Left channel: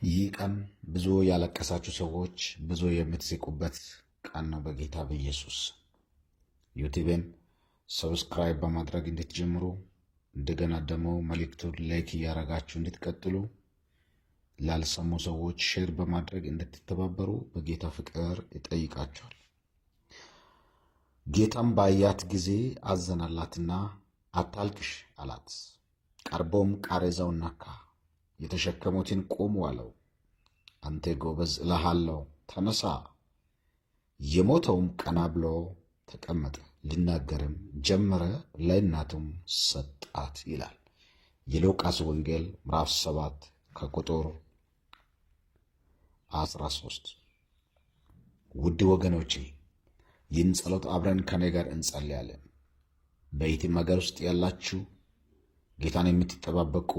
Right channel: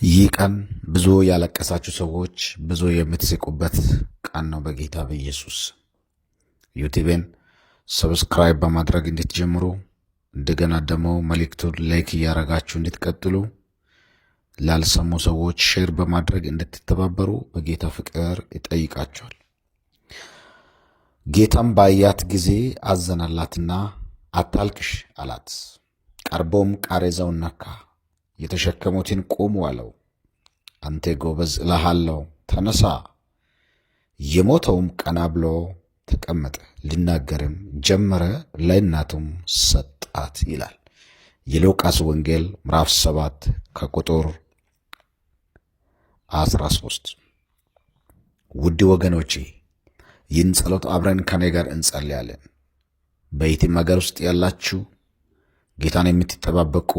ይህ ቀን ብዙ ያለቀሳችሁ ሰዎች ብዙ የምትስቁበት ቀን ነው። በጌታ በኢየሱስ ዩቲዩብን ሰብስክራይብ በማድረግ እንድትጀምሩ እንደገና ደግሞ መልእክቱን ላይክ እያደረጋችሁ እንድትቀጥሉ ላልሰሙ ሰዎች ሼር በማድረግ እንድትተባበሩ በጌታ ፍቅር ይጠይቃቸዋል። ጌታም ባያት ጊዜ አዘነላትና አታልቅሽ አላት። ቀርቦም ቃሬዛውን ነካ፣ የተሸከሙትን ቁሙ አለው። አንተ ጎበዝ እልሃለሁ ተነሳ። የሞተውም ቀና ብሎ ተቀመጠ፣ ሊናገርም ጀመረ፣ ለእናቱም ሰጣት ይላል የሉቃስ ወንጌል ምዕራፍ 7 ከቁጥር 13። ውድ ወገኖቼ ይህን ጸሎት አብረን ከኔ ጋር እንጸልያለን። በየትም ሀገር ውስጥ ያላችሁ ጌታን የምትጠባበቁ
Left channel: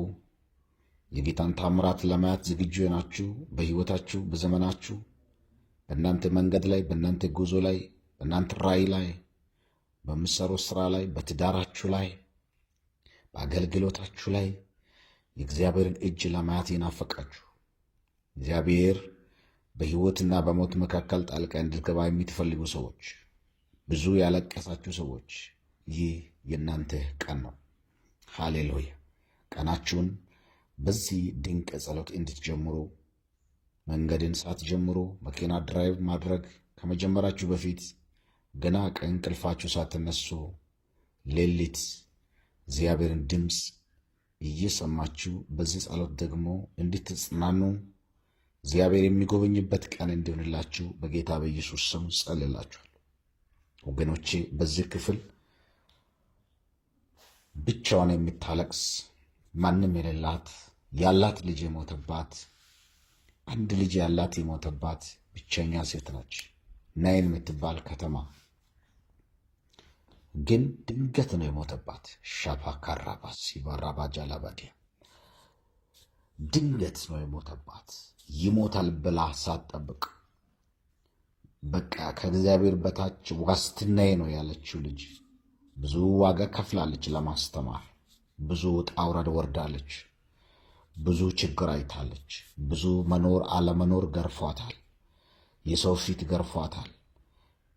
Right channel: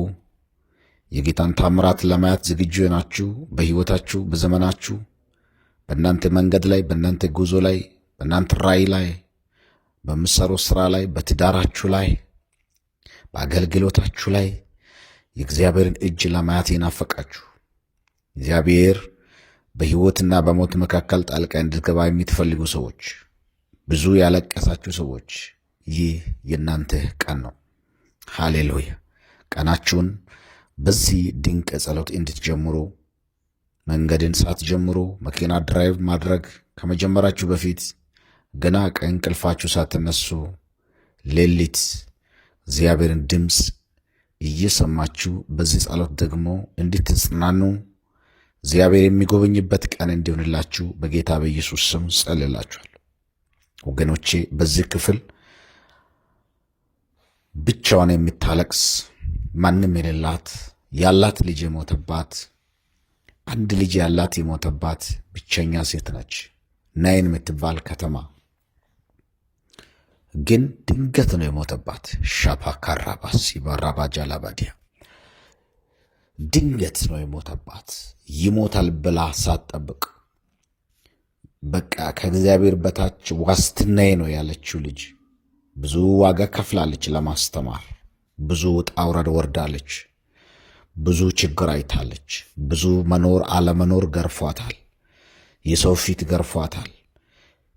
የጌታን ታምራት ለማየት ዝግጁ ናችሁ። በሕይወታችሁ በዘመናችሁ በእናንተ መንገድ ላይ በእናንተ ጉዞ ላይ በእናንተ ራእይ ላይ በምትሰሩት ሥራ ላይ በትዳራችሁ ላይ በአገልግሎታችሁ ላይ የእግዚአብሔርን እጅ ለማየት የናፈቃችሁ እግዚአብሔር በሕይወትና በሞት መካከል ጣልቃ እንድትገባ የምትፈልጉ ሰዎች፣ ብዙ ያለቀሳችሁ ሰዎች ይህ የእናንተ ቀን ነው። ሃሌሉያ! ቀናችሁን በዚህ ድንቅ ጸሎት እንድትጀምሩ መንገድን ሳትጀምሩ መኪና ድራይቭ ማድረግ ከመጀመራችሁ በፊት ገና ከእንቅልፋችሁ ሳትነሱ ሌሊት እግዚአብሔርን ድምፅ እየሰማችሁ በዚህ ጸሎት ደግሞ እንድትጽናኑ እግዚአብሔር የሚጎበኝበት ቀን እንዲሆንላችሁ በጌታ በኢየሱስ ስም ጸልላችኋል። ወገኖቼ በዚህ ክፍል ብቻዋን የምታለቅስ ማንም የሌላት ያላት ልጅ የሞተባት አንድ ልጅ ያላት የሞተባት ብቸኛ ሴት ነች። ናይን የምትባል ከተማ ግን ድንገት ነው የሞተባት። ሻፓ ካራባስ ሲባራባ ጃላባዲያ ድንገት ነው የሞተባት። ይሞታል ብላ ሳትጠብቅ በቃ ከእግዚአብሔር በታች ዋስትናዬ ነው ያለችው ልጅ ብዙ ዋጋ ከፍላለች ለማስተማር። ብዙ ውጣ ውረድ ወርዳለች። ብዙ ችግር አይታለች። ብዙ መኖር አለመኖር ገርፏታል። የሰው ፊት ገርፏታል።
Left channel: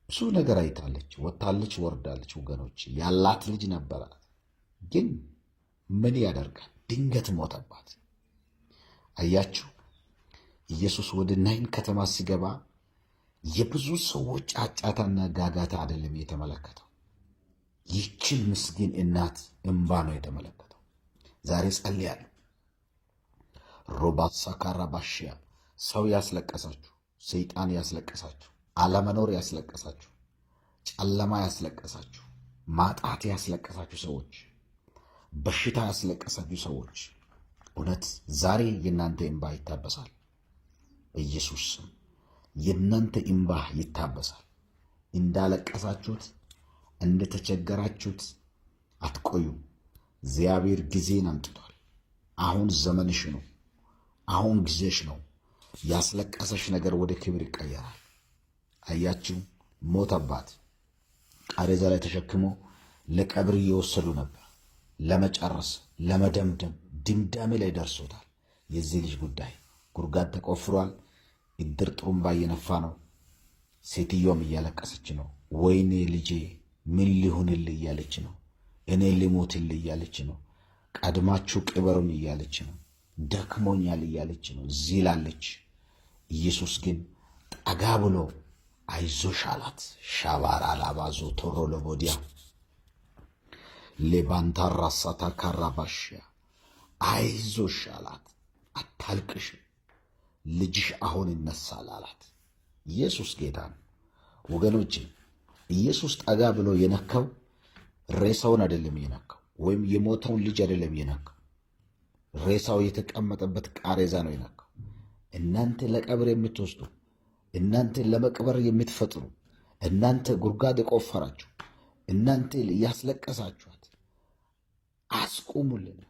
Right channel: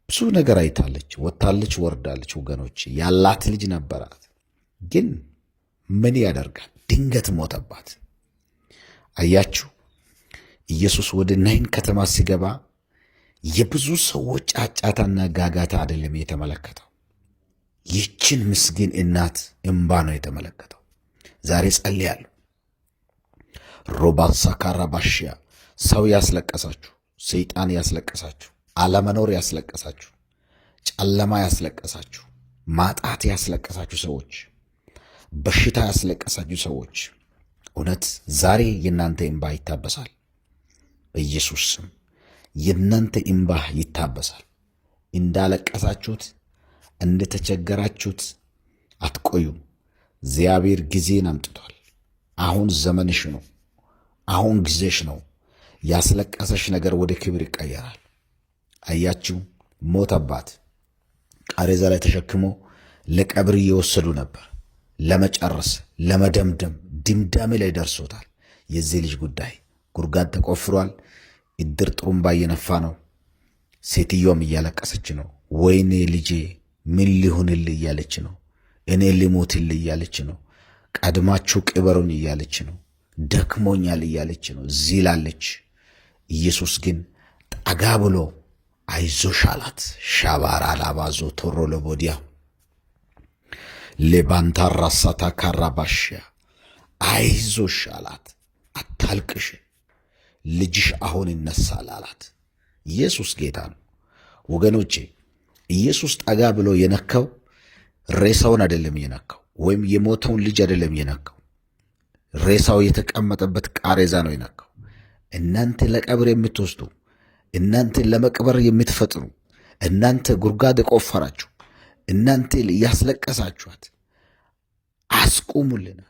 ብዙ ነገር አይታለች። ወጥታለች፣ ወርዳለች። ወገኖች ያላት ልጅ ነበራት፣ ግን ምን ያደርጋል ድንገት ሞተባት። አያችሁ፣ ኢየሱስ ወደ ናይን ከተማ ሲገባ የብዙ ሰዎች ጫጫታና ጋጋታ አይደለም የተመለከተው። ይህችን ምስኪን እናት እምባ ነው የተመለከተው። ዛሬ ጸልያለሁ። ሮባሳ ካራባሽያ ሰው ያስለቀሳችሁ፣ ሰይጣን ያስለቀሳችሁ፣ አለመኖር ያስለቀሳችሁ፣ ጨለማ ያስለቀሳችሁ፣ ማጣት ያስለቀሳችሁ ሰዎች፣ በሽታ ያስለቀሳችሁ ሰዎች እውነት ዛሬ የእናንተ እምባ ይታበሳል። በኢየሱስ ስም የእናንተ እምባ ይታበሳል። እንዳለቀሳችሁት እንደተቸገራችሁት አትቆዩም። እግዚአብሔር ጊዜን አምጥቷል። አሁን ዘመንሽ ነው። አሁን ጊዜሽ ነው። ያስለቀሰሽ ነገር ወደ ክብር ይቀየራል። አያችሁ፣ ሞተባት። ቃሬዛ ላይ ተሸክሞ ለቀብር እየወሰዱ ነበር። ለመጨረስ ለመደምደም ድምዳሜ ላይ ደርሶታል። የዚህ ልጅ ጉዳይ ጉድጓድ ተቆፍሯል። እድር ጥሩምባ እየነፋ ነው። ሴትዮዋም እያለቀሰች ነው። ወይኔ ልጄ ምን ሊሆንልህ እያለች ነው። እኔ ሊሞትልህ እያለች ነው። ቀድማችሁ ቅበሩን እያለች ነው። ደክሞኛል እያለች ነው። ዚላለች። ኢየሱስ ግን ጠጋ ብሎ አይዞሽ አላት። ሻባራ ላባዞ ቶሮ ለቦዲያ ሌባንታራ ሳታ ካራባሽያ አይዞሽ አላት። አታልቅሽ፣ ልጅሽ አሁን ይነሳል አላት። ኢየሱስ ጌታ ነው ወገኖቼ። ኢየሱስ ጠጋ ብሎ የነካው ሬሳውን አይደለም የነካው፣ ወይም የሞተውን ልጅ አይደለም የነካው። ሬሳው የተቀመጠበት ቃሬዛ ነው የነካው። እናንተ ለቀብር የምትወስዱ፣ እናንተ ለመቅበር የምትፈጥኑ፣ እናንተ ጉድጓድ የቆፈራችሁ፣ እናንተ ያስለቀሳችኋት አስቁሙልን፣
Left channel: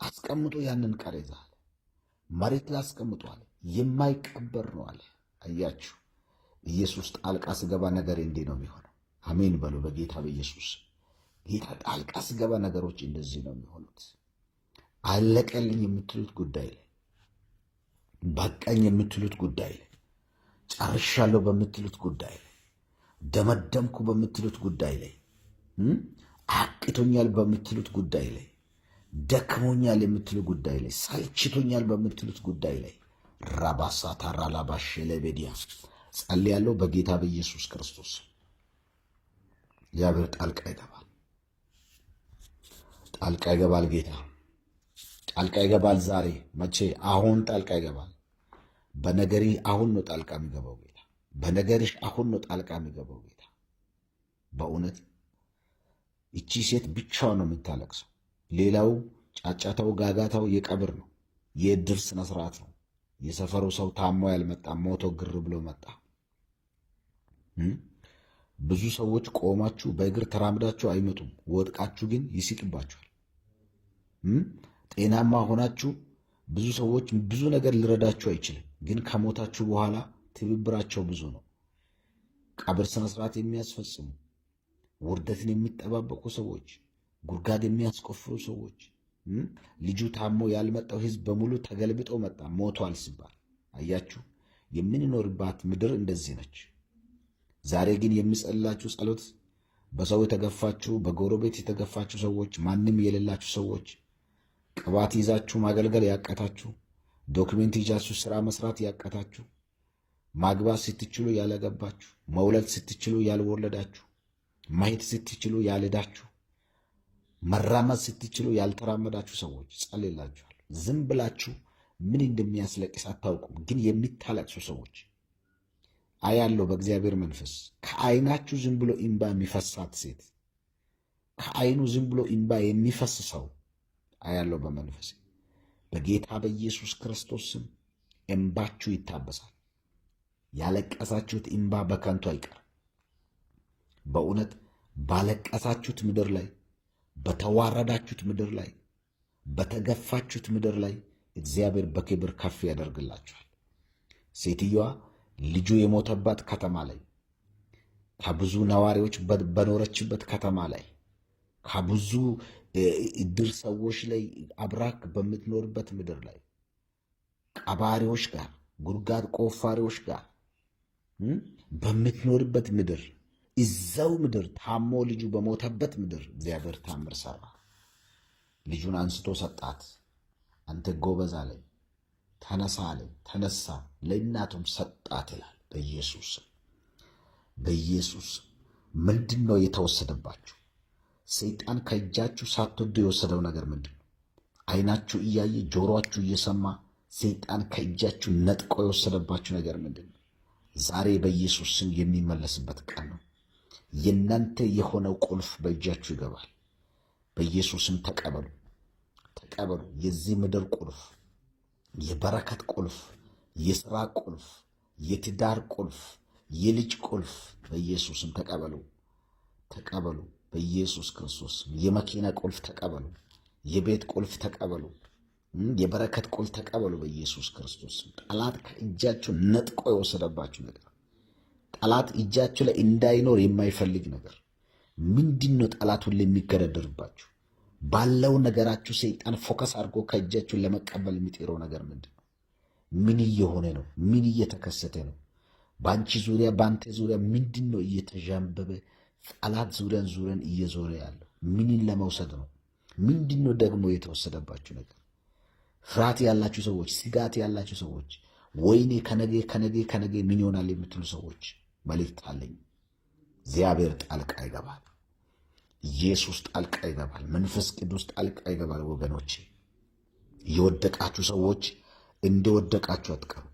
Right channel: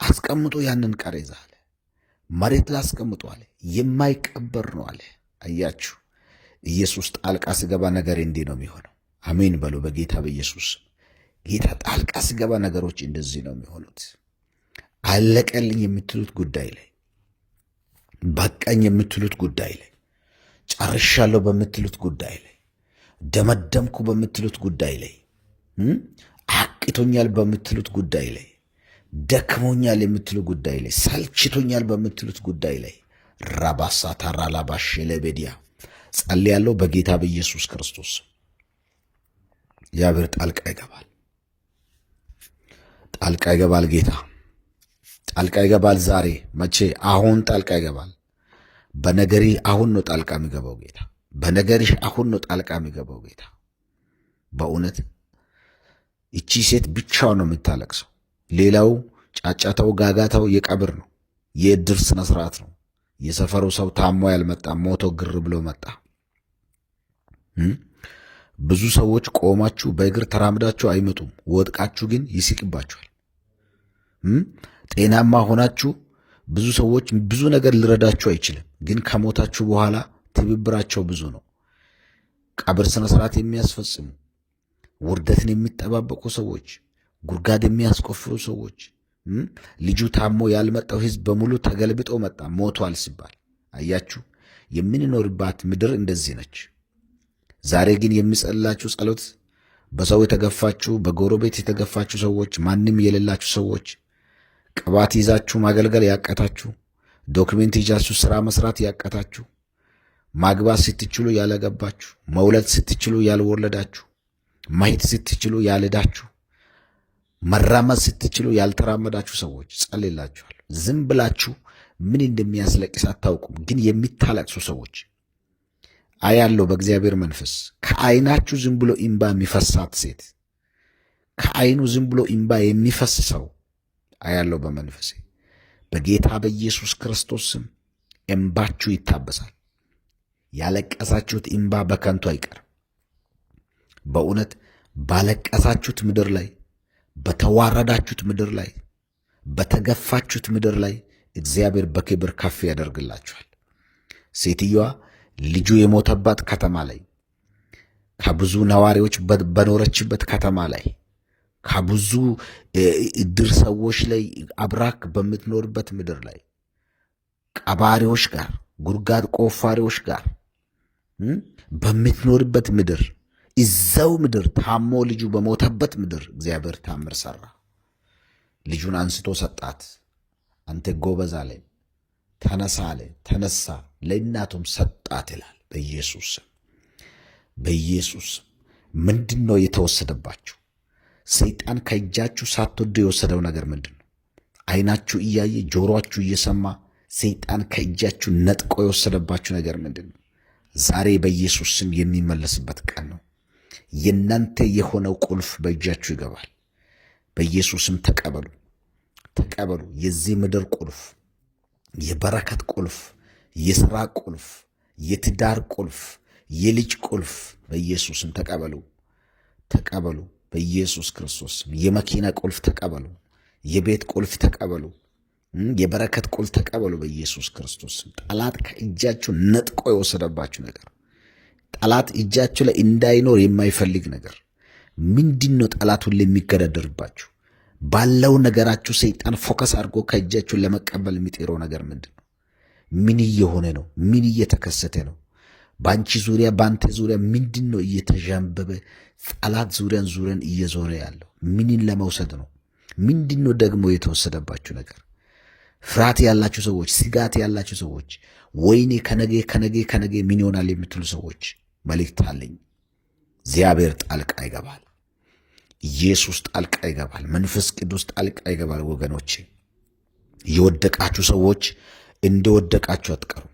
አስቀምጦ ያንን ቃሬዛ አለ። መሬት ላይ አስቀምጦ አለ። የማይቀበር ነው አለ። አያችሁ፣ ኢየሱስ ጣልቃ ሲገባ ነገር እንዲህ ነው የሚሆነው። አሜን በሉ በጌታ በኢየሱስ። ጌታ ጣልቃ ሲገባ ነገሮች እንደዚህ ነው የሚሆኑት። አለቀልኝ የምትሉት ጉዳይ ላይ በቃኝ የምትሉት ጉዳይ ላይ፣ ጨርሻለሁ በምትሉት ጉዳይ ላይ፣ ደመደምኩ በምትሉት ጉዳይ ላይ፣ አቅቶኛል በምትሉት ጉዳይ ላይ፣ ደክሞኛል የምትሉ ጉዳይ ላይ፣ ሰልችቶኛል በምትሉት ጉዳይ ላይ ራባሳ ታራላባሽ ለቤዲያ ጸልያለሁ በጌታ በኢየሱስ ክርስቶስ። እግዚአብሔር ጣልቃ ይገባል፣ ጣልቃ ይገባል። ጌታ ጣልቃ ይገባል። ዛሬ መቼ? አሁን ጣልቃ ይገባል። በነገሪ አሁን ነው ጣልቃ የሚገባው ጌታ። በነገሪሽ አሁን ነው ጣልቃ የሚገባው ጌታ። በእውነት እቺ ሴት ብቻዋን ነው የምታለቅሰው። ሌላው ጫጫታው፣ ጋጋታው የቀብር ነው፣ የእድር ስነ ስርዓት ነው። የሰፈሩ ሰው ታሞ ያልመጣ ሞቶ ግር ብሎ መጣ። ብዙ ሰዎች ቆማችሁ በእግር ተራምዳችሁ አይመጡም፣ ወድቃችሁ ግን ይስቅባችኋል። ጤናማ ሆናችሁ ብዙ ሰዎች ብዙ ነገር ሊረዳችሁ አይችልም፣ ግን ከሞታችሁ በኋላ ትብብራቸው ብዙ ነው። ቀብር ስነ ስርዓት የሚያስፈጽሙ፣ ውርደትን የሚጠባበቁ ሰዎች፣ ጉድጓድ የሚያስቆፍሩ ሰዎች፣ ልጁ ታሞ ያልመጣው ህዝብ በሙሉ ተገልብጦ መጣ ሞቷል ሲባል አያችሁ። የምንኖርባት ምድር እንደዚህ ነች። ዛሬ ግን የሚጸልላችሁ ጸሎት በሰው የተገፋችሁ፣ በጎረቤት የተገፋችሁ ሰዎች፣ ማንም የሌላችሁ ሰዎች፣ ቅባት ይዛችሁ ማገልገል ያቀታችሁ፣ ዶክሜንት ይዛችሁ ሥራ መስራት ያቀታችሁ፣ ማግባት ስትችሉ ያለገባችሁ፣ መውለድ ስትችሉ ያልወለዳችሁ፣ ማየት ስትችሉ ያልዳችሁ፣ መራመድ ስትችሉ ያልተራመዳችሁ ሰዎች ጸልላችኋል። ዝም ብላችሁ ምን እንደሚያስለቅስ አታውቁም፣ ግን የሚታለቅሱ ሰዎች አያለው በእግዚአብሔር መንፈስ። ከዓይናችሁ ዝም ብሎ ኢምባ የሚፈሳት ሴት፣ ከዓይኑ ዝም ብሎ ኢምባ የሚፈስ ሰው አያለው በመንፈሴ። በጌታ በኢየሱስ ክርስቶስ ስም እምባችሁ ይታበሳል። ያለቀሳችሁት ኢምባ በከንቱ አይቀርም። በእውነት ባለቀሳችሁት ምድር ላይ፣ በተዋረዳችሁት ምድር ላይ፣ በተገፋችሁት ምድር ላይ እግዚአብሔር በክብር ከፍ ያደርግላችኋል። ሴትዮዋ ልጁ የሞተባት ከተማ ላይ፣ ከብዙ ነዋሪዎች በኖረችበት ከተማ ላይ፣ ከብዙ እድር ሰዎች ላይ አብራክ በምትኖርበት ምድር ላይ ቀባሪዎች ጋር፣ ጉድጓድ ቆፋሪዎች ጋር በምትኖርበት ምድር፣ እዛው ምድር ታሞ ልጁ በሞተበት ምድር እግዚአብሔር ታምር ሰራ። ልጁን አንስቶ ሰጣት። አንተ ጎበዝ አለ፣ ተነሳ አለ፣ ተነሳ፣ ለእናቱም ሰጣት ይላል። በኢየሱስ በኢየሱስ ምንድን ነው የተወሰደባችሁ? ሰይጣን ከእጃችሁ ሳትወዱ የወሰደው ነገር ምንድን ነው? ዓይናችሁ እያየ ጆሮአችሁ እየሰማ ሰይጣን ከእጃችሁ ነጥቆ የወሰደባችሁ ነገር ምንድን ነው? ዛሬ በኢየሱስ ስም የሚመለስበት ቀን ነው። የእናንተ የሆነው ቁልፍ በእጃችሁ ይገባል። በኢየሱስም ተቀበሉ፣ ተቀበሉ። የዚህ ምድር ቁልፍ፣ የበረከት ቁልፍ፣ የሥራ ቁልፍ፣ የትዳር ቁልፍ፣ የልጅ ቁልፍ በኢየሱስም ተቀበሉ፣ ተቀበሉ። በኢየሱስ ክርስቶስ የመኪና ቁልፍ ተቀበሉ፣ የቤት ቁልፍ ተቀበሉ፣ የበረከት ቁልፍ ተቀበሉ። በኢየሱስ ክርስቶስ ጠላት ከእጃችሁ ነጥቆ የወሰደባችሁ ነገር፣ ጠላት እጃችሁ ላይ እንዳይኖር የማይፈልግ ነገር ምንድን ነው? ጠላት ሁሌ የሚገዳደርባችሁ ባለው ነገራችሁ ሰይጣን ፎከስ አድርጎ ከእጃችሁ ለመቀበል የሚጤረው ነገር ምንድን ነው? ምን እየሆነ ነው? ምን እየተከሰተ ነው? በአንቺ ዙሪያ፣ በአንተ ዙሪያ ምንድን ነው እየተዣንበበ ጠላት ዙሪያን እየዞረ ያለው? ምንን ለመውሰድ ነው? ምንድን ነው ደግሞ የተወሰደባችሁ ነገር? ፍርሃት ያላችሁ ሰዎች፣ ስጋት ያላችሁ ሰዎች፣ ወይኔ ከነጌ ምን ይሆናል የምትሉ ሰዎች መልእክት አለኝ። እግዚአብሔር ጣልቃ ይገባል። ኢየሱስ ጣልቃ ይገባል። መንፈስ ቅዱስ ጣልቃ ይገባል። ወገኖቼ የወደቃችሁ ሰዎች እንደወደቃችሁ አትቀሩ።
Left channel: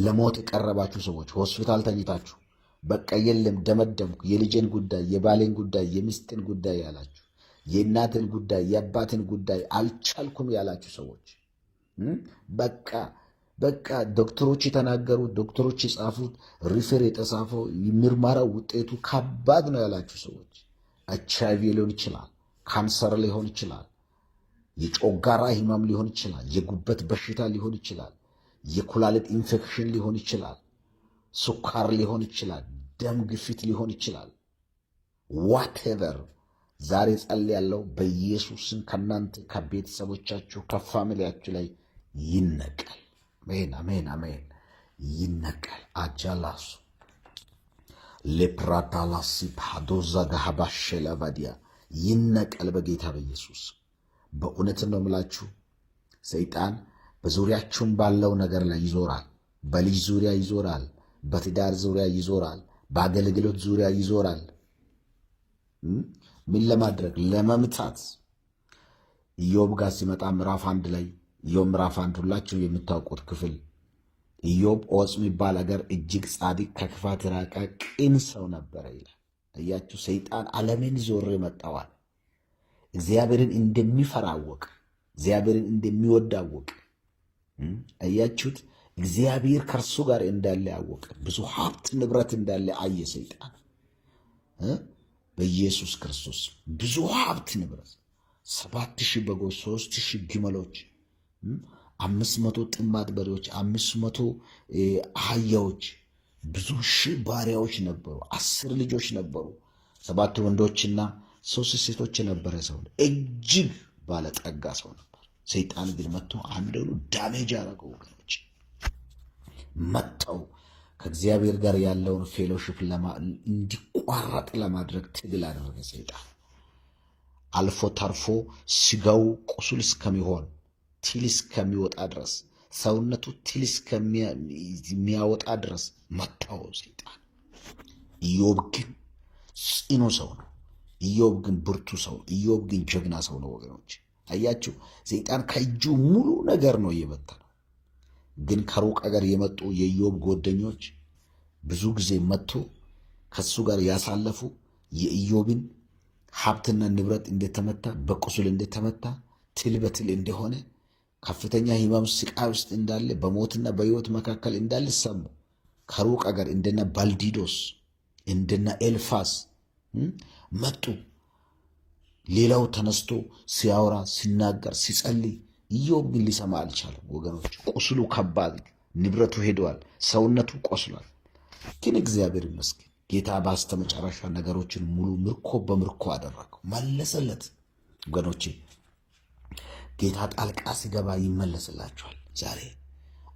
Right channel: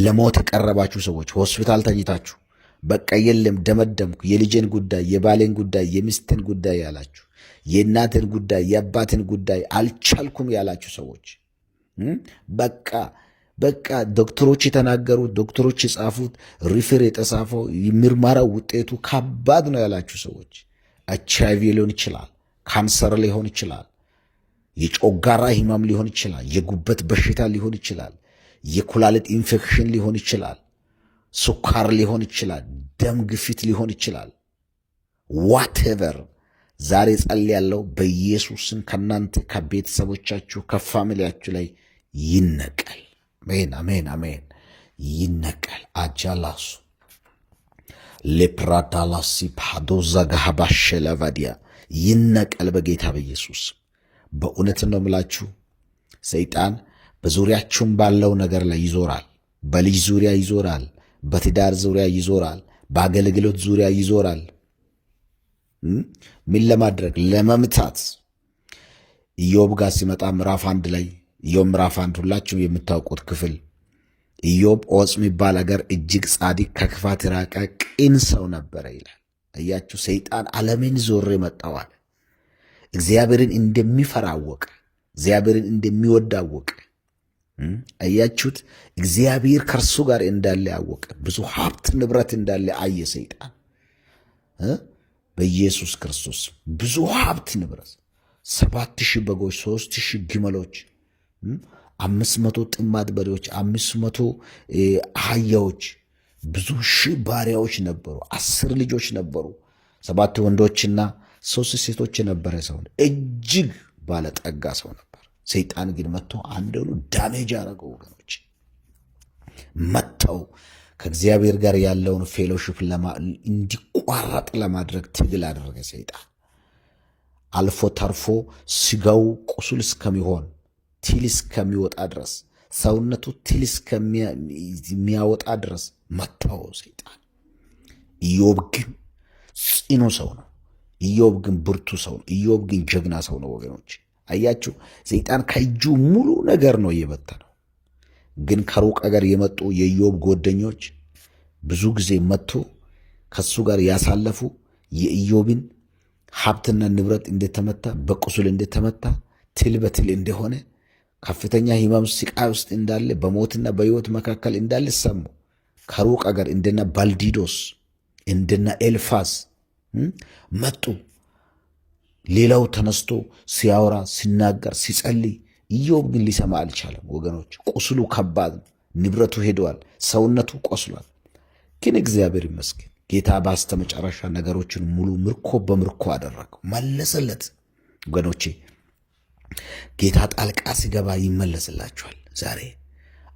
ለሞት የቀረባችሁ ሰዎች ሆስፒታል ተኝታችሁ በቃ የለም ደመደምኩ፣ የልጄን ጉዳይ፣ የባሌን ጉዳይ፣ የሚስትን ጉዳይ ያላችሁ፣ የእናትን ጉዳይ፣ የአባትን ጉዳይ አልቻልኩም ያላችሁ ሰዎች በቃ ዶክተሮች የተናገሩት፣ ዶክተሮች የጻፉት፣ ሪፌር የተጻፈው ምርመራው ውጤቱ ከባድ ነው ያላችሁ ሰዎች HIV ሊሆን ይችላል፣ ካንሰር ሊሆን ይችላል፣ የጮጋራ ህመም ሊሆን ይችላል፣ የጉበት በሽታ ሊሆን ይችላል፣ የኩላሊት ኢንፌክሽን ሊሆን ይችላል፣ ስኳር ሊሆን ይችላል፣ ደም ግፊት ሊሆን ይችላል። ዋቴቨር ዛሬ ጸልያለሁ በኢየሱስ ስም ከእናንተ ከቤተሰቦቻችሁ ከፋሚሊያችሁ ላይ ይነቀል። አሜን፣ አሜን፣ አሜን። ይነቀል። አጃላሱ ሌፕራዳላሲ ፓዶዛ ጋሃባሸ ለቫዲያ ይነቀል በጌታ በኢየሱስ። በእውነት ነው የምላችሁ፣ ሰይጣን በዙሪያችሁም ባለው ነገር ላይ ይዞራል። በልጅ ዙሪያ ይዞራል፣ በትዳር ዙሪያ ይዞራል፣ በአገልግሎት ዙሪያ ይዞራል። ምን ለማድረግ? ለመምታት። ኢዮብ ጋር ሲመጣ ምዕራፍ 1 ላይ ኢዮብ ምዕራፍ 1 ሁላችሁ የምታውቁት ክፍል ኢዮብ ዖፅ የሚባል አገር እጅግ ጻድቅ ከክፋት የራቀ ቅን ሰው ነበረ ይላል። እያችሁ ሰይጣን ዓለምን ዞሬ መጣዋል። እግዚአብሔርን እንደሚፈራ አወቀ። እግዚአብሔርን እንደሚወድ አወቀ። አያችሁት? እግዚአብሔር ከእርሱ ጋር እንዳለ አወቀ። ብዙ ሀብት ንብረት እንዳለ አየ ሰይጣን በኢየሱስ ክርስቶስ። ብዙ ሀብት ንብረት 7,000 በጎች፣ 3,000 ግመሎች፣ 500 ጥማድ በሬዎች፣ 500 አህያዎች፣ ብዙ ሺህ ባሪያዎች ነበሩ። 10 ልጆች ነበሩ። 7 ወንዶችና 3 ሴቶች የነበረ ሰው፣ እጅግ ባለጠጋ ሰው ነበር። ሰይጣን ግን መጥቶ አንደሉ ዳሜጅ ያደረገው ወገኖች፣ መጥተው ከእግዚአብሔር ጋር ያለውን ፌሎሺፕ እንዲቋረጥ ለማድረግ ትግል አደረገ ሰይጣን። አልፎ ተርፎ ስጋው ቁስል እስከሚሆን ትል እስከሚወጣ ድረስ፣ ሰውነቱ ትል እስከሚያወጣ ድረስ መታው ሰይጣን። ኢዮብ ግን ጽኑ ሰው ነው። ኢዮብ ግን ብርቱ ሰው ነው። ኢዮብ ግን ጀግና ሰው ነው ወገኖች። አያችሁ፣ ሰይጣን ከእጁ ሙሉ ነገር ነው የበተነው። ግን ከሩቅ አገር የመጡ የኢዮብ ጓደኞች ብዙ ጊዜ መጥቶ ከሱ ጋር ያሳለፉ የኢዮብን ሀብትና ንብረት እንደተመታ፣ በቁስል እንደተመታ፣ ትል በትል እንደሆነ፣ ከፍተኛ ሕማም ስቃይ ውስጥ እንዳለ፣ በሞትና በሕይወት መካከል እንዳለ ሰሙ። ከሩቅ አገር እንደና ባልዲዶስ እንደና ኤልፋስ መጡ። ሌላው ተነስቶ ሲያወራ ሲናገር ሲጸልይ፣ ኢዮብ ግን ሊሰማ አልቻለም ወገኖች። ቁስሉ ከባድ ነው። ንብረቱ ሄደዋል። ሰውነቱ ቆስሏል። ግን እግዚአብሔር ይመስገን ጌታ በስተመጨረሻ ነገሮችን ሙሉ ምርኮ በምርኮ አደረገው፣ መለሰለት። ወገኖቼ ጌታ ጣልቃ ሲገባ ይመለስላችኋል። ዛሬ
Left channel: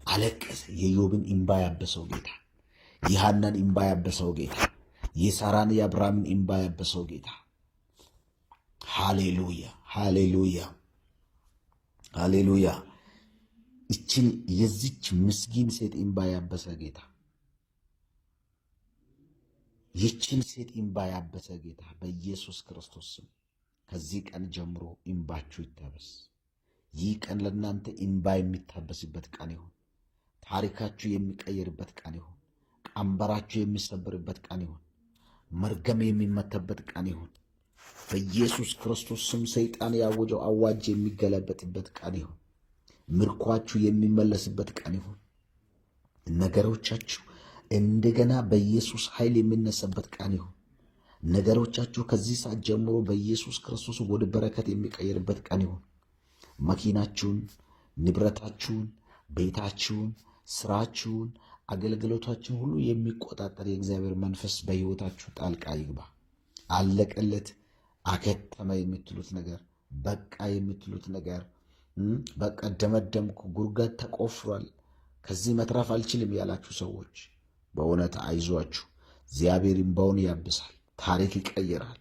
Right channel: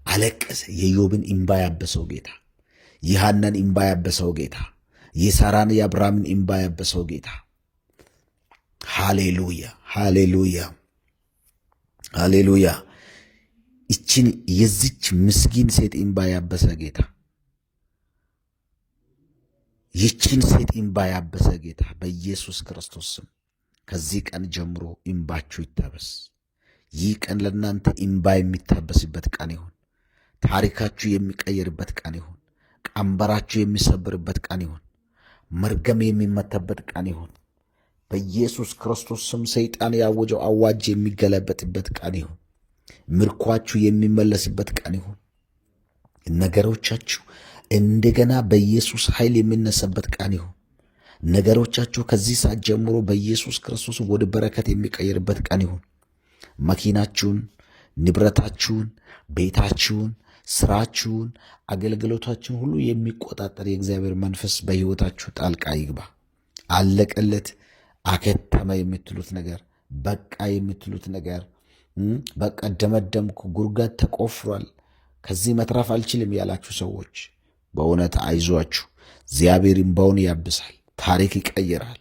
አለቀሰ። የኢዮብን እምባ ያበሰው ጌታ፣ የሐናን እምባ ያበሰው ጌታ፣ የሳራን የአብርሃምን እምባ ያበሰው ጌታ። ሃሌሉያ፣ ሃሌሉያ፣ ሃሌሉያ። ይችን የዚች ምስኪን ሴት እምባ ያበሰ ጌታ፣ ይችን ሴት እምባ ያበሰ ጌታ በኢየሱስ ክርስቶስ ስም ከዚህ ቀን ጀምሮ እምባችሁ ይታበስ። ይህ ቀን ለእናንተ እምባ የሚታበስበት ቀን ይሁን። ታሪካችሁ የሚቀየርበት ቀን ይሁን። ቀንበራችሁ የሚሰብርበት ቀን ይሁን። መርገም የሚመታበት ቀን ይሁን። በኢየሱስ ክርስቶስ ስም ሰይጣን ያወጀው አዋጅ የሚገለበጥበት ቀን ይሁን። ምርኳችሁ የሚመለስበት ቀን ይሁን። ነገሮቻችሁ እንደገና በኢየሱስ ኃይል የሚነሳበት ቀን ይሁን። ነገሮቻችሁ ከዚህ ሰዓት ጀምሮ በኢየሱስ ክርስቶስ ወደ በረከት የሚቀየርበት ቀን ይሁን። መኪናችሁን፣ ንብረታችሁን፣ ቤታችሁን፣ ስራችሁን፣ አገልግሎታችሁን ሁሉ የሚቆጣጠር የእግዚአብሔር መንፈስ በሕይወታችሁ ጣልቃ ይግባ። አለቀለት፣ አከተመ የምትሉት ነገር፣ በቃ የምትሉት ነገር፣ በቃ ደመደምኩ፣ ጉድጓድ ተቆፍሯል፣ ከዚህ መትረፍ አልችልም ያላችሁ ሰዎች በእውነት አይዟችሁ። እግዚአብሔር እምባውን ያብሳል፣ ታሪክ ይቀይራል።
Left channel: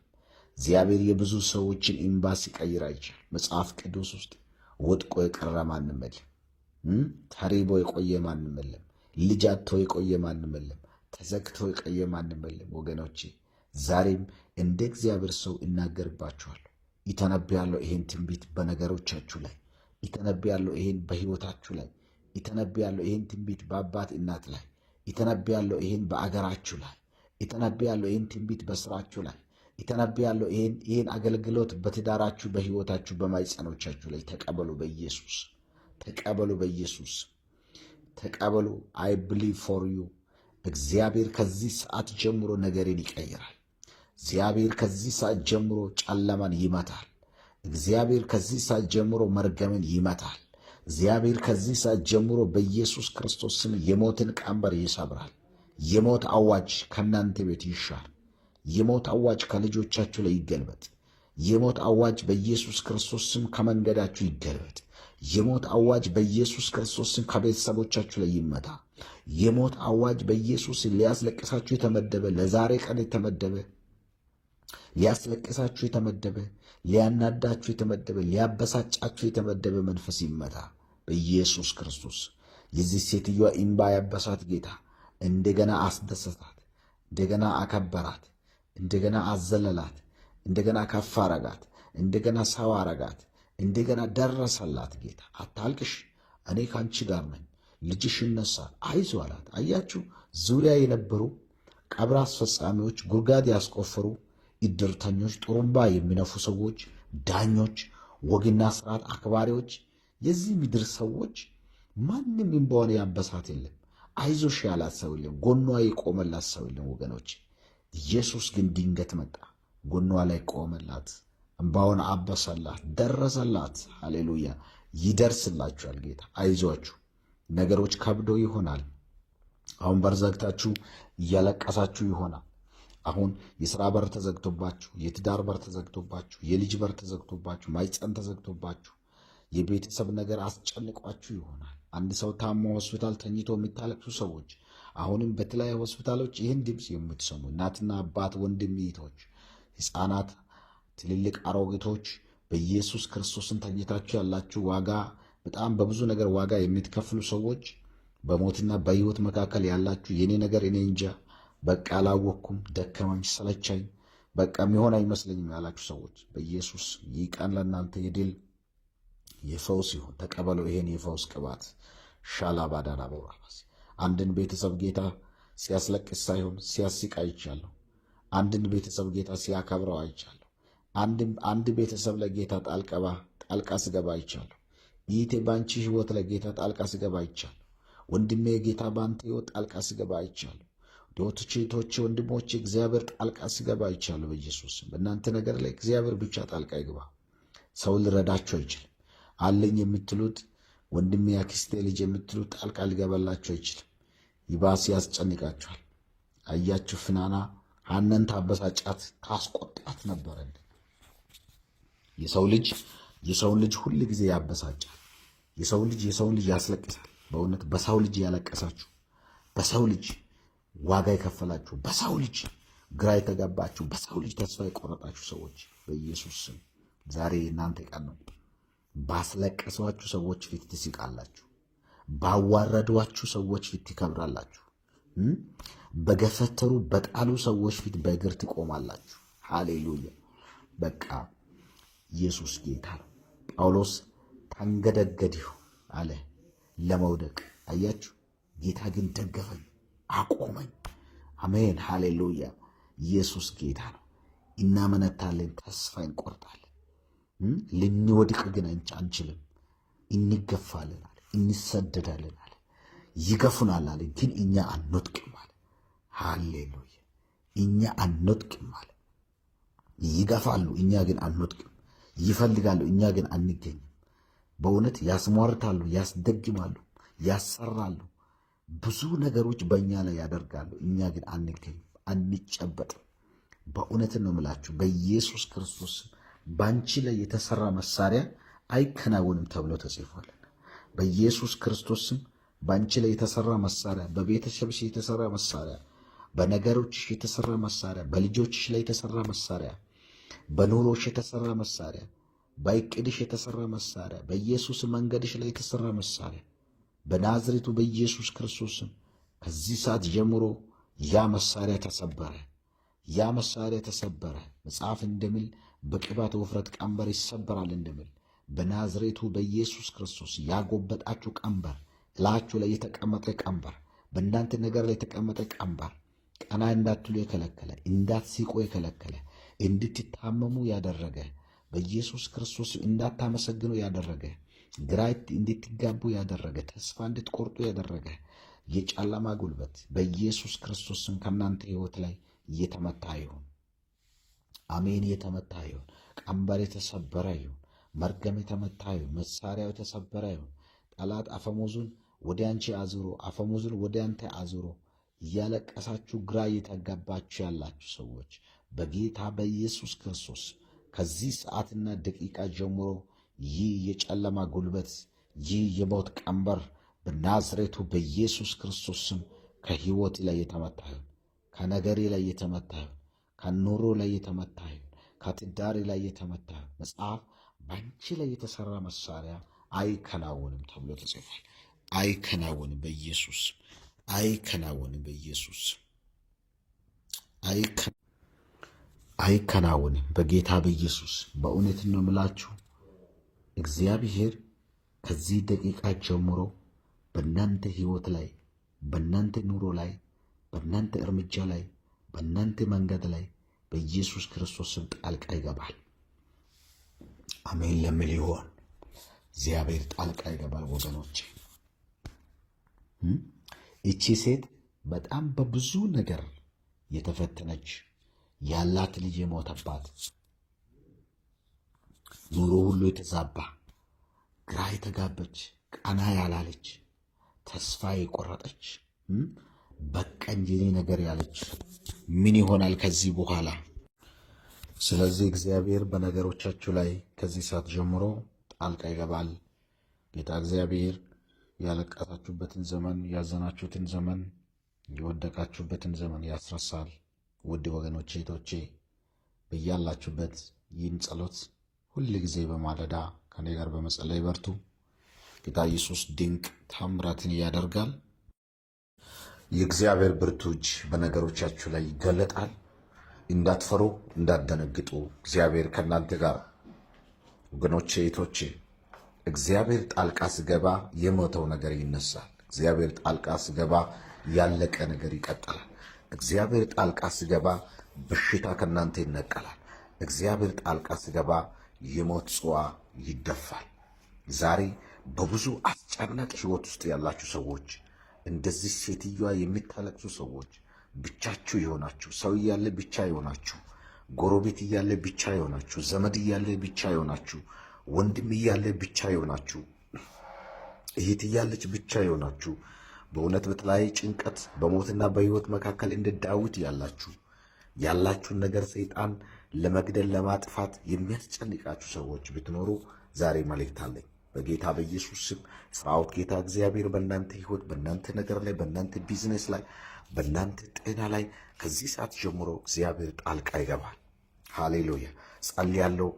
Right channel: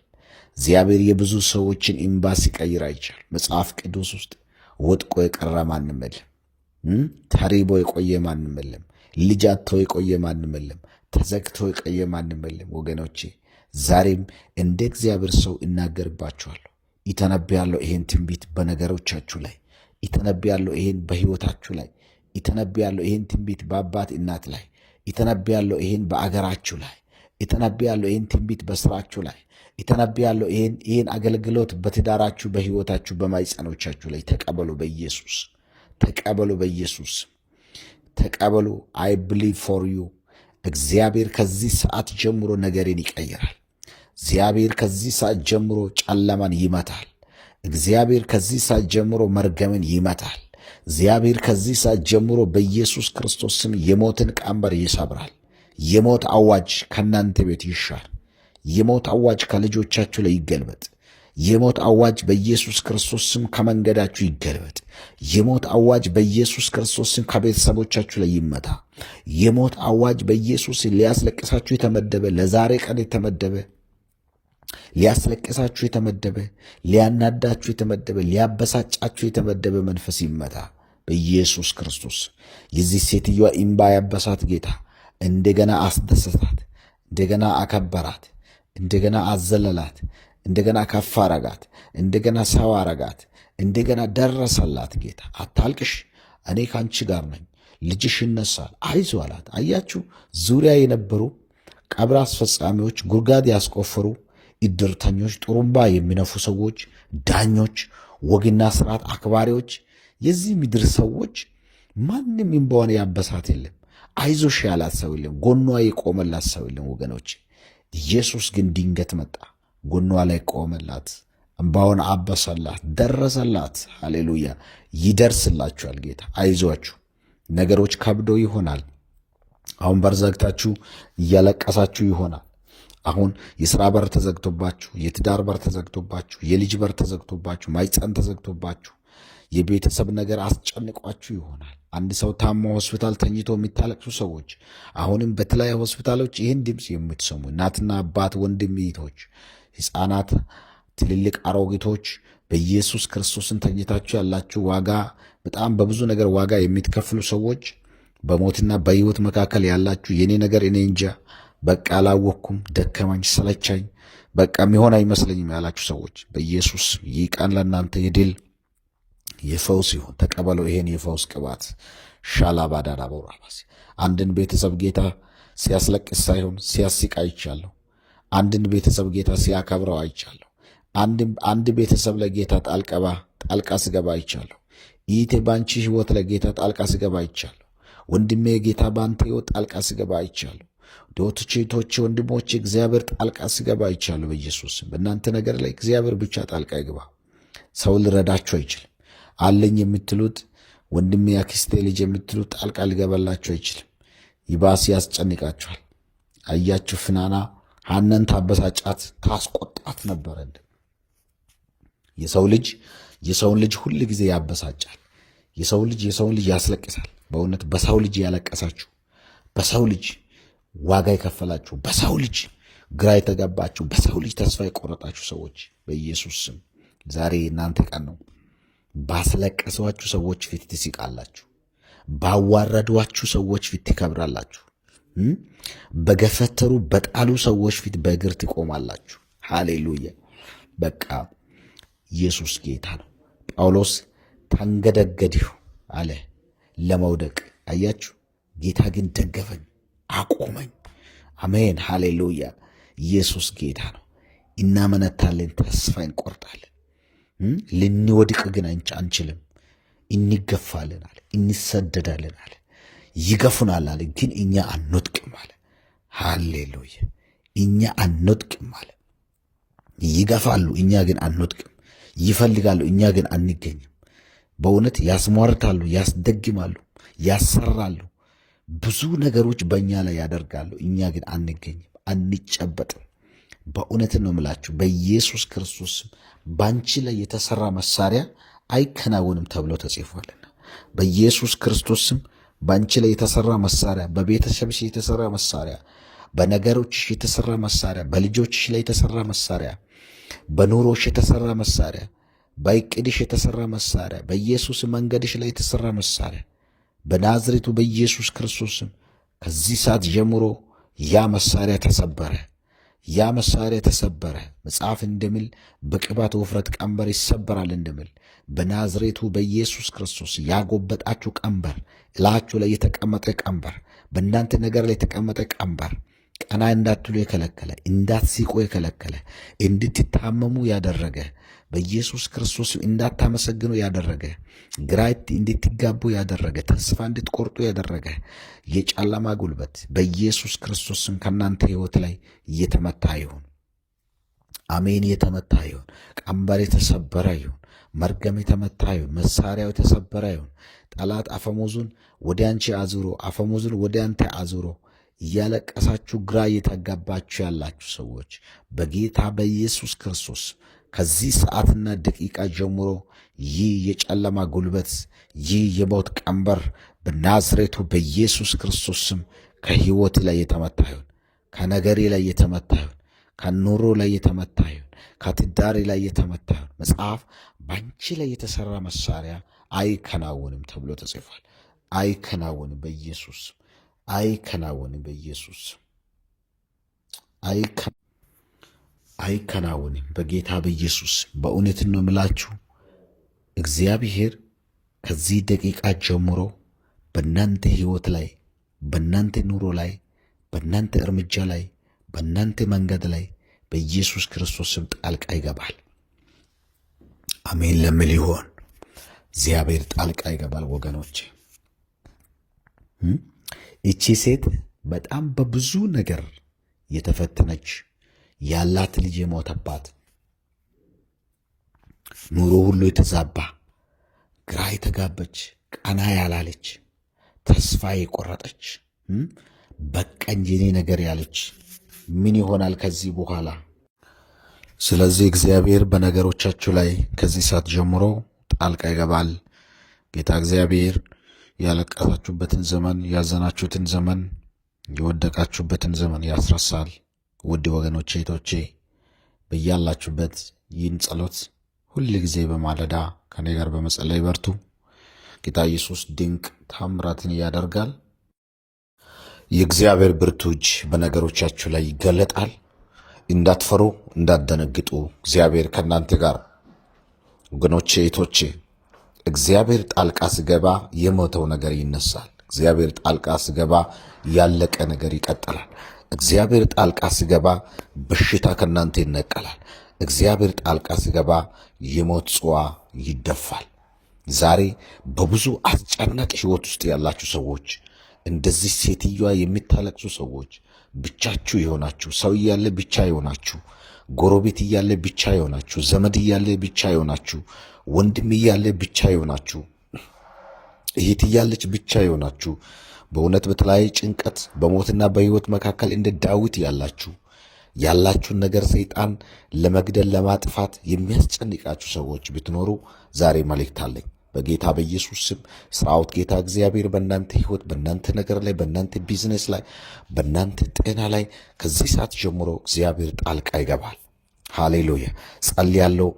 እግዚአብሔር የብዙ ሰዎችን እምባ ሲቀይር አይቻል። መጽሐፍ ቅዱስ ውስጥ ወድቆ የቀረ ማንም የለም። ተሪቦ የቆየ ማንም የለም። ልጅ አጥቶ የቆየ ማንም የለም። ተዘግቶ የቆየ ማንም የለም። ወገኖቼ ዛሬም እንደ እግዚአብሔር ሰው እናገርባችኋለሁ፣ ይተነብያለሁ ይሄን ትንቢት በነገሮቻችሁ ላይ፣ ይተነብያለሁ ይሄን በሕይወታችሁ ላይ፣ ይተነብያለሁ ይሄን ትንቢት በአባት እናት ላይ፣ ይተነብያለሁ ይሄን በአገራችሁ ላይ፣ ይተነብያለሁ ይሄን ትንቢት በስራችሁ ላይ፣ ይተነብያለሁ ይሄን አገልግሎት በትዳራችሁ፣ በሕይወታችሁ፣ በማይጸኖቻችሁ ላይ ተቀበሉ። በኢየሱስ ተቀበሉ። በኢየሱስ ተቀበሉ። አይ ብሊቭ ፎር ዩ። እግዚአብሔር ከዚህ ሰዓት ጀምሮ ነገርን ይቀይራል። እግዚአብሔር ከዚህ ሰዓት ጀምሮ ጨለማን ይመታል። እግዚአብሔር ከዚህ ሰዓት ጀምሮ መርገምን ይመታል። እግዚአብሔር ከዚህ ሰዓት ጀምሮ በኢየሱስ ክርስቶስ ስም የሞትን ቀንበር ይሰብራል። የሞት አዋጅ ከእናንተ ቤት ይሻር። የሞት አዋጅ ከልጆቻችሁ ላይ ይገልበጥ። የሞት አዋጅ በኢየሱስ ክርስቶስ ስም ከመንገዳችሁ ይገልበጥ። የሞት አዋጅ በኢየሱስ ክርስቶስ ስም ከቤተሰቦቻችሁ ላይ ይመታ። የሞት አዋጅ በኢየሱስ ሊያስለቅሳችሁ የተመደበ ለዛሬ ቀን የተመደበ ሊያስለቅሳችሁ የተመደበ ሊያናዳችሁ የተመደበ ሊያበሳጫችሁ የተመደበ መንፈስ ይመታ በኢየሱስ ክርስቶስ። የዚህ ሴትዮዋ እምባ ያበሳት ጌታ እንደገና አስደሰታት፣ እንደገና አከበራት፣ እንደገና አዘለላት፣ እንደገና ከፍ አረጋት፣ እንደገና ሰው አረጋት፣ እንደገና ደረሰላት። ጌታ አታልቅሽ፣ እኔ ከአንቺ ጋር ነኝ፣ ልጅሽ ይነሳል፣ አይዞ አላት። አያችሁ፣ ዙሪያ የነበሩ ቀብር አስፈጻሚዎች፣ ጉድጓድ ያስቆፈሩ እድርተኞች፣ ጥሩምባ የሚነፉ ሰዎች፣ ዳኞች፣ ወግና ስርዓት አክባሪዎች፣ የዚህ ምድር ሰዎች ማንም እምባዋን ያበሳት የለም። አይዞሽ ያላት ሰው የለም። ጎኗ የቆመላት ሰው የለም ወገኖች። ኢየሱስ ግን ድንገት መጣ፣ ጎኗ ላይ ቆመላት፣ እምባዋን አበሰላት፣ ደረሰላት። ሃሌሉያ! ይደርስላችኋል ጌታ። አይዟችሁ። ነገሮች ከብዶ ይሆናል። አሁን በር ዘግታችሁ እያለቀሳችሁ ይሆናል። አሁን የሥራ በር ተዘግቶባችሁ፣ የትዳር በር ተዘግቶባችሁ፣ የልጅ በር ተዘግቶባችሁ፣ ማይፀን ተዘግቶባችሁ፣ የቤተሰብ ነገር አስጨንቋችሁ ይሆናል። አንድ ሰው ታሞ ሆስፒታል ተኝቶ የሚታለቅሱ ሰዎች፣ አሁንም በተለያዩ ሆስፒታሎች ይህን ድምፅ የምትሰሙ እናትና አባት፣ ወንድም፣ እህቶች፣ ሕፃናት፣ ትልልቅ አሮጊቶች በኢየሱስ ክርስቶስን ተኝታችሁ ያላችሁ ዋጋ በጣም በብዙ ነገር ዋጋ የምትከፍሉ ሰዎች፣ በሞትና በሕይወት መካከል ያላችሁ የኔ ነገር እኔ እንጃ፣ በቃ አላወቅኩም፣ ደከመኝ፣ ሰለቻኝ፣ በቃ የሚሆን አይመስለኝም ያላችሁ ሰዎች በኢየሱስ ይህ ቀን ለእናንተ የድል የፈውስ ይሁን። ተቀበለው ይሄን የፈውስ ቅባት። ሻላባዳዳ በውራባሲ አንድን ቤተሰብ ጌታ ሲያስለቅስ ሳይሆን ሲያስቅ አይቻለሁ። አንድን ቤተሰብ ጌታ ሲያከብረው አይቻለሁ። አንድ ቤተሰብ ለጌታ ጣልቃ ስገባ አይቻለሁ። ይህቴ ባንቺ ህይወት ለጌታ ጣልቃ ስገባ አይቻለሁ። ወንድሜ ጌታ ባንተ ህይወት ጣልቃ ስገባ አይቻለሁ። ዶቶቼ ወንድሞቼ እግዚአብሔር ጣልቃ ስገባ አይቻለሁ። በኢየሱስ በእናንተ ነገር ላይ እግዚአብሔር ብቻ ጣልቃ ይግባ። ሰው ልረዳችሁ አይችልም። አለኝ የምትሉት ወንድሜ ያክስቴ ልጅ የምትሉት ጣልቃ ሊገባላችሁ አይችልም። ይባስ ያስጨንቃችኋል። አያችሁ፣ ፍናና ሐናን ታበሳጫት ታስቆጣት ነበረ። የሰውን ልጅ ሁል ጊዜ ያበሳጫል። የሰውን ልጅ ያስለቅሳል። በእውነት በሰው ልጅ ያለቀሳችሁ፣ በሰው ልጅ ዋጋ የከፈላችሁ፣ በሰው ልጅ ግራ የተገባችሁ፣ በሰው ልጅ ተስፋ የቆረጣችሁ ሰዎች በኢየሱስ ስም ዛሬ እናንተ ቀን ነው። ባስለቀሷችሁ ሰዎች ፊት ትስቃላችሁ። ባዋረዷችሁ ሰዎች ፊት ትከብራላችሁ። በገፈተሩ በጣሉ ሰዎች ፊት በእግር ትቆማላችሁ። ሃሌሉያ! በቃ ኢየሱስ ጌታ ነው። ጳውሎስ ተንገደገድሁ አለ ለመውደቅ። አያችሁ፣ ጌታ ግን ደገፈኝ፣ አቆመኝ። አሜን፣ ሃሌሉያ! ኢየሱስ ጌታ ነው። እናመነታለን፣ ተስፋ እንቆርጣለን። ልንወድቅ ግን አንችልም። እንገፋለን አለ፣ እንሰደዳለን አለ፣ ይገፉናል አለ፣ ግን እኛ አንወድቅም አለ። ሃሌሉያ! እኛ አንወድቅም አለ። ይገፋሉ፣ እኛ ግን አንወድቅም። ይፈልጋሉ፣ እኛ ግን አንገኝም። በእውነት ያስሟርታሉ፣ ያስደግማሉ፣ ያሰራሉ፣ ብዙ ነገሮች በእኛ ላይ ያደርጋሉ። እኛ ግን አንገኝም፣ አንጨበጥም። በእውነት ነው የምላችሁ በኢየሱስ ክርስቶስ ባንቺ ላይ የተሰራ መሳሪያ አይከናወንም ተብሎ ተጽፏልና በኢየሱስ ክርስቶስም ባንቺ ላይ የተሰራ መሳሪያ፣ በቤተሰብሽ የተሰራ መሳሪያ፣ በነገሮችሽ የተሰራ መሳሪያ፣ በልጆችሽ ላይ የተሰራ መሳሪያ፣ በኑሮሽ የተሰራ መሳሪያ፣ በእቅድሽ የተሰራ መሳሪያ፣ በኢየሱስ መንገድሽ ላይ የተሰራ መሳሪያ በናዝሬቱ በኢየሱስ ክርስቶስም ከዚህ ሰዓት ጀምሮ ያ መሳሪያ ተሰበረ። ያ መሳሪያ ተሰበረ። መጽሐፍ እንደሚል በቅባት ውፍረት ቀንበር ይሰበራል እንደሚል በናዝሬቱ በኢየሱስ ክርስቶስ ያጎበጣችሁ ቀንበር፣ እላችሁ ላይ የተቀመጠ ቀንበር፣ በእናንተ ነገር ላይ የተቀመጠ ቀንበር፣ ቀና እንዳትሉ የከለከለ፣ እንዳትስቁ የከለከለ፣ እንድትታመሙ ያደረገ፣ በኢየሱስ ክርስቶስ እንዳታመሰግኑ ያደረገ፣ ግራ እንድትጋቡ ያደረገ፣ ተስፋ እንድትቆርጡ ያደረገ የጨለማ ጉልበት በኢየሱስ ክርስቶስም ከእናንተ ሕይወት ላይ እየተመታ ይሁን። አሜን። የተመታ ይሁን። ቀንበር የተሰበረ ይሁን። መርገም የተመታ ይሁን። መሳሪያው የተሰበረ ይሁን። ጠላት አፈሙዙን ወደ አንቺ አዙሮ፣ አፈሙዙን ወደ አንተ አዙሮ እያለቀሳችሁ ግራ እየተጋባችሁ ያላችሁ ሰዎች በጌታ በኢየሱስ ክርስቶስ ከዚህ ሰዓትና ደቂቃ ጀምሮ ይህ የጨለማ ጉልበት፣ ይህ የሞት ቀንበር በናዝሬቱ በኢየሱስ ክርስቶስ ስም ከሕይወት ላይ የተመታ ይሁን። ከነገሬ ላይ የተመታ ይሁን። ከኑሮ ላይ የተመታ ይሁን። ከትዳሬ ላይ የተመታ ይሁን። መጽሐፍ በአንቺ ላይ የተሠራ መሳሪያ አይከናወንም ተብሎ ተጽፏል። አይከናወንም በኢየሱስ አይከናወንም በኢየሱስ አይከናወንም በጌታ በኢየሱስ። በእውነት ነው የምላችሁ እግዚአብሔር ከዚህ ደቂቃ ጀምሮ በእናንተ ሕይወት ላይ፣ በእናንተ ኑሮ ላይ፣ በእናንተ እርምጃ ላይ፣ በእናንተ መንገድ ላይ በኢየሱስ ክርስቶስ ስም ጣልቃ ይገባል። አሜን ለሚል ይሆን እግዚአብሔር ጣልቃ ይገባል። ወገኖቼ እቺ ሴት በጣም በብዙ ነገር የተፈተነች ያላት ልጅ የሞተባት ኑሮ ሁሉ የተዛባ ግራ የተጋበች ቀና ያላለች ተስፋ የቆረጠች በቀኝ የኔ ነገር ያለች ምን ይሆናል ከዚህ በኋላ? ስለዚህ እግዚአብሔር በነገሮቻችሁ ላይ ከዚህ ሰዓት ጀምሮ ጣልቃ ይገባል። ጌታ እግዚአብሔር ያለቀሳችሁበትን ዘመን፣ ያዘናችሁትን ዘመን፣ የወደቃችሁበትን ዘመን ያስረሳል። ውድ ወገኖቼ እህቶቼ፣ በያላችሁበት ይህን ጸሎት ሁል ጊዜ በማለዳ ከኔ ጋር በመጸለይ በርቱ። ጌታ ኢየሱስ ድንቅ ታምራትን ያደርጋል። የእግዚአብሔር ብርቱ እጅ በነገሮቻችሁ ላይ ይገለጣል። እንዳትፈሩ፣ እንዳትደነግጡ። እግዚአብሔር ከእናንተ ጋር። ወገኖቼ እህቶቼ፣ እግዚአብሔር ጣልቃ ሲገባ የሞተው ነገር ይነሳል። እግዚአብሔር ጣልቃ ሲገባ ያለቀ ነገር ይቀጥላል። እግዚአብሔር ጣልቃ ሲገባ በሽታ ከእናንተ ይነቀላል። እግዚአብሔር ጣልቃ ሲገባ የሞት ጽዋ ይደፋል። ዛሬ በብዙ አስጨናቂ ሕይወት ውስጥ ያላችሁ ሰዎች፣ እንደዚህ ሴትዮዋ የሚታለቅሱ ሰዎች፣ ብቻችሁ የሆናችሁ፣ ሰው እያለ ብቻ የሆናችሁ፣ ጎረቤት እያለ ብቻ የሆናችሁ፣ ዘመድ እያለ ብቻ የሆናችሁ፣ ወንድም እያለ ብቻ የሆናችሁ፣ እህት እያለች ብቻ የሆናችሁ፣ በእውነት በተለያየ ጭንቀት በሞትና በሕይወት መካከል እንደ ዳዊት ያላችሁን ነገር ሰይጣን ለመግደል ለማጥፋት የሚያስጨንቃችሁ ሰዎች ብትኖሩ ዛሬ መልእክት አለኝ። በጌታ በኢየሱስ ስም ሰራዊት ጌታ እግዚአብሔር በእናንተ ሕይወት፣ በእናንተ ነገር ላይ፣ በእናንተ ቢዝነስ ላይ፣ በእናንተ ጤና ላይ ከዚህ ሰዓት ጀምሮ እግዚአብሔር ጣልቃ ይገባል። ሃሌሉያ። ጸልያለሁ።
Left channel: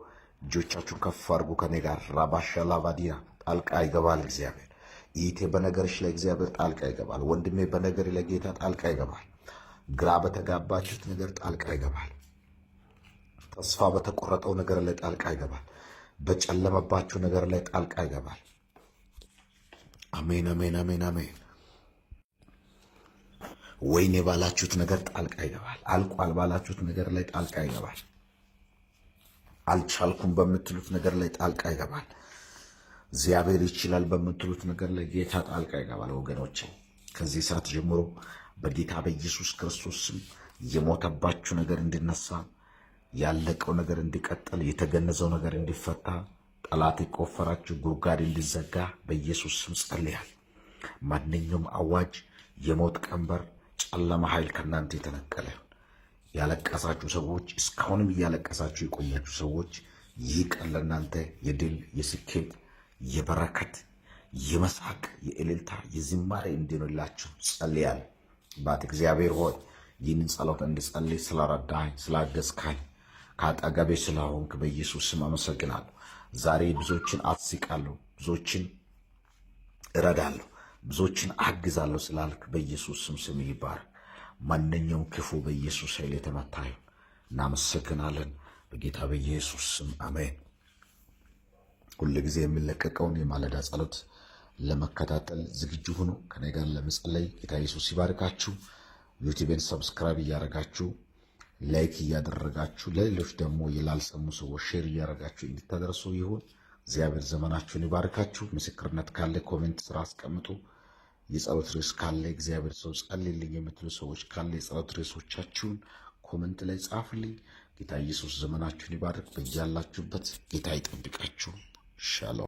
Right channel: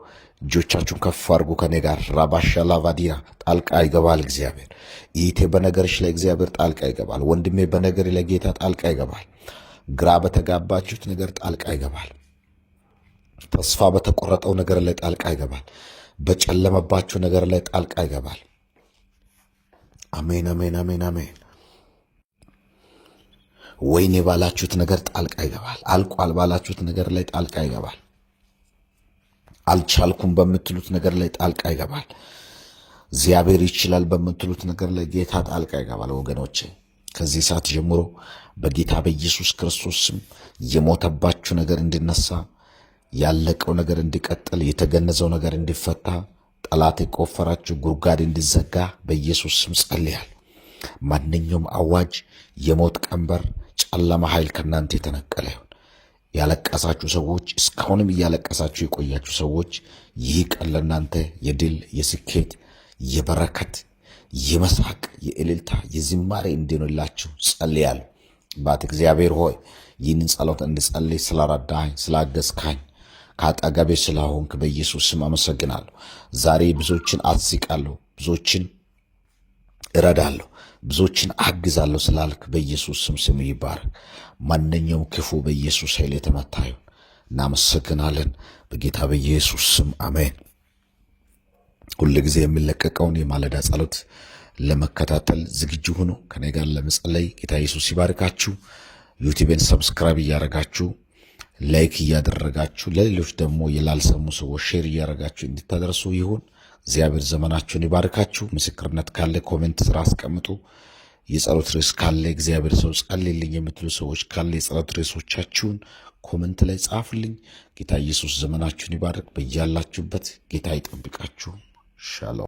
እጆቻችሁን ከፍ አድርጉ ከኔ ጋር። ራባሻ ላቫዲያ ጣልቃ ይገባል እግዚአብሔር። ይቴ በነገርሽ ላይ እግዚአብሔር ጣልቃ ይገባል። ወንድሜ በነገር ላይ ጌታ ጣልቃ ይገባል። ግራ በተጋባችሁት ነገር ጣልቃ ይገባል። ተስፋ በተቆረጠው ነገር ላይ ጣልቃ ይገባል። በጨለመባችሁ ነገር ላይ ጣልቃ ይገባል። አሜን፣ አሜን፣ አሜን፣ አሜን። ወይኔ ባላችሁት ነገር ጣልቃ ይገባል። አልቋል ባላችሁት ነገር ላይ ጣልቃ ይገባል። አልቻልኩም በምትሉት ነገር ላይ ጣልቃ ይገባል። እግዚአብሔር ይችላል በምትሉት ነገር ላይ ጌታ ጣልቃ ይገባል። ወገኖቼ ከዚህ ሰዓት ጀምሮ በጌታ በኢየሱስ ክርስቶስ ስም የሞተባችሁ ነገር እንዲነሳ፣ ያለቀው ነገር እንዲቀጥል፣ የተገነዘው ነገር እንዲፈታ፣ ጠላት የቆፈራችሁ ጉድጓድ እንዲዘጋ በኢየሱስ ስም ጸልያል። ማንኛውም አዋጅ፣ የሞት ቀንበር፣ ጨለማ ኃይል ከእናንተ የተነቀለ ይሁን። ያለቀሳችሁ ሰዎች፣ እስካሁንም እያለቀሳችሁ የቆያችሁ ሰዎች ይህ ቀን ለእናንተ የድል የስኬት የበረከት የመሳቅ የእልልታ የዝማሬ እንዲሆንላችሁ ጸልያለሁ። ባት እግዚአብሔር ሆይ ይህንን ጸሎት እንድጸልይ ስለረዳኝ ስላገዝካኝ ከአጠገቤ ስለሆንክ በኢየሱስ ስም አመሰግናለሁ። ዛሬ ብዙዎችን አስቃለሁ፣ ብዙዎችን እረዳለሁ፣ ብዙዎችን አግዛለሁ ስላልክ በኢየሱስ ስም ስም ይባረክ። ማንኛውም ክፉ በኢየሱስ ኃይል የተመታ ይሁን። እናመሰግናለን በጌታ በኢየሱስ ስም አሜን። ሁል ጊዜ የሚለቀቀውን የማለዳ ጸሎት ለመከታተል ዝግጁ ሆኖ ከኔ ጋር ለመጸለይ ጌታ ኢየሱስ ይባርካችሁ። ዩቲዩብን ሰብስክራይብ እያደረጋችሁ ላይክ እያደረጋችሁ ለሌሎች ደግሞ የላልሰሙ ሰዎች ሼር እያደረጋችሁ እንድታደርሱ ይሁን። እግዚአብሔር ዘመናችሁን ይባርካችሁ። ምስክርነት ካለ ኮሜንት ስራ አስቀምጡ። የጸሎት ርዕስ ካለ እግዚአብሔር ሰው ጸልይልኝ የምትሉ ሰዎች ካለ የጸሎት ርዕሶቻችሁን ኮሜንት ላይ ጻፉልኝ። ጌታ ኢየሱስ ዘመናችሁን ይባርክ። በያላችሁበት ጌታ ይጠብቃችሁ። ሻሎም